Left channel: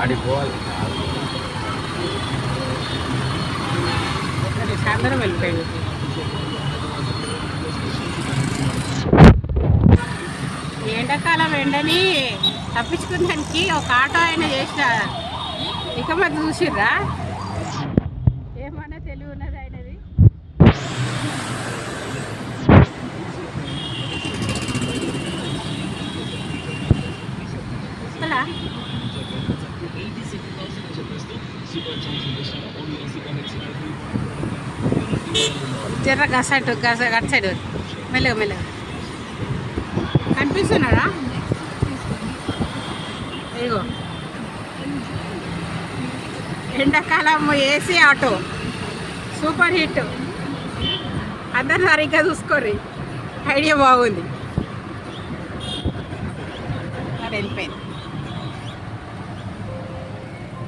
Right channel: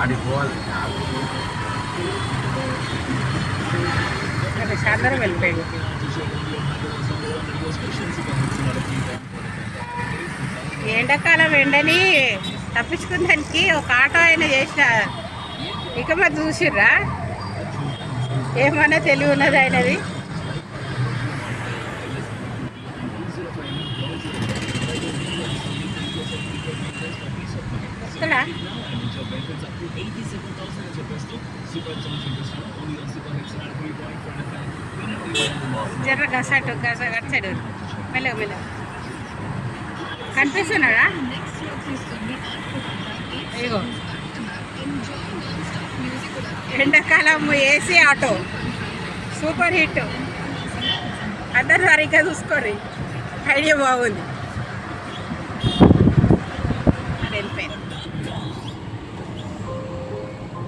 ఆడిపోవాలి. అందరం వెళ్ళిపోయింది. ఎండాకాలం ఎండని తప్పించుకుందానికి ఒక ఆటో అయినా చేసిన ఇక మరి చూసిర్రా ఏమన్నా తెలివి ఉన్నది ఆయనది. వస్తాడా జర్ర గసటు అటు సైడ్ మెల్లగా మెల్లగా కనిపిస్తున్నాడా? ఇగో ఎండాకాలం ఏసీ ఆటో సూపర్ హిట్. అందరు సరిగ్గా చూసుకోండి, ఐడియా బాగుంది. అది వెళ్ళిపోయింది.